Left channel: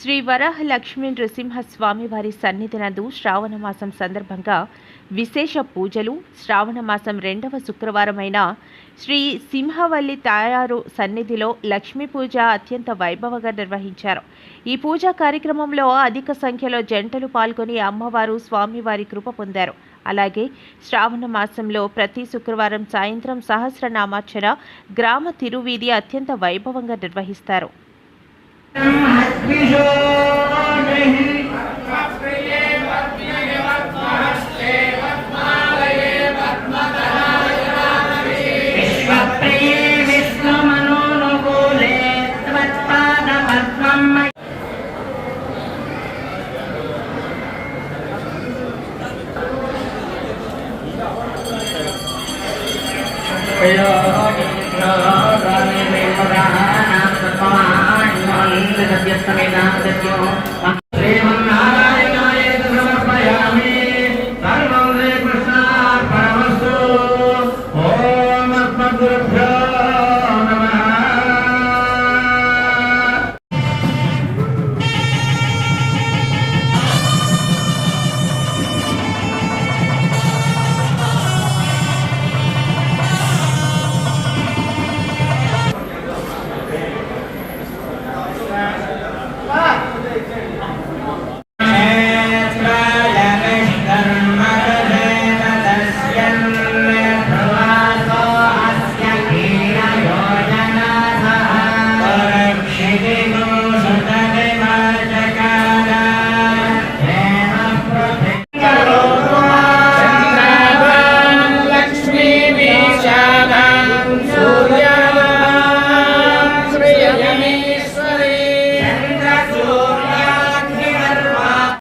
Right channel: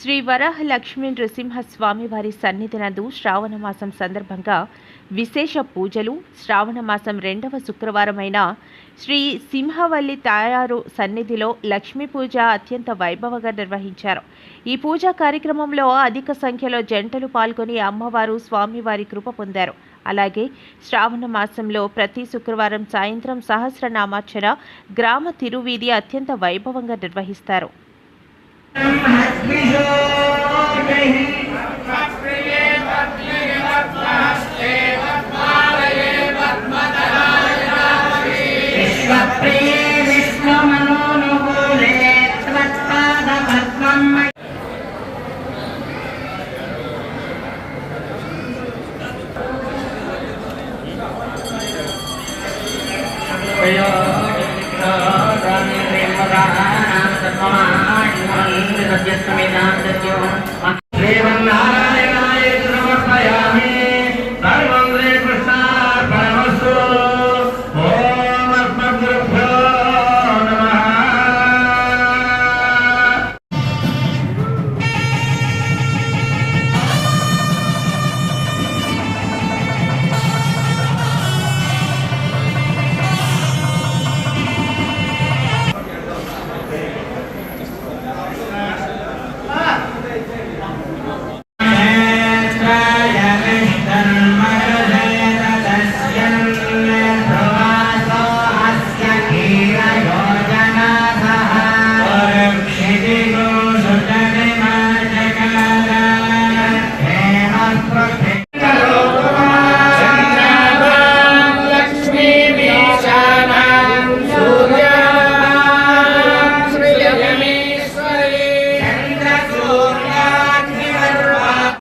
శ్రీ వరాహ లక్ష్మీ నృసింహస్వామి వారి సన్నిధి నందు శ్రావణ మాసం సందర్భంగా విశేష పూజలు. శ్రావణ మాసం 2వ శుక్రవారమైన శ్రీ సింహవల్లి తాయారు సన్నిధిలో లక్ష్మీ పూజ అత్యంత వైభవంగా నిర్వహించారు. ఈ పూజా కార్యక్రమంలో అధిక సంఖ్యలో జంటలు పాల్గొని అమ్మవారు స్వామివారి కృప పొందారు. అలాగే శ్రావణ మాసంలో ప్రతి శుక్రవారం సాయంత్రం సహస్రనామార్చన గ్రామ తిరువీధి అత్యంత వైభవంగా నిర్వహిస్తారు.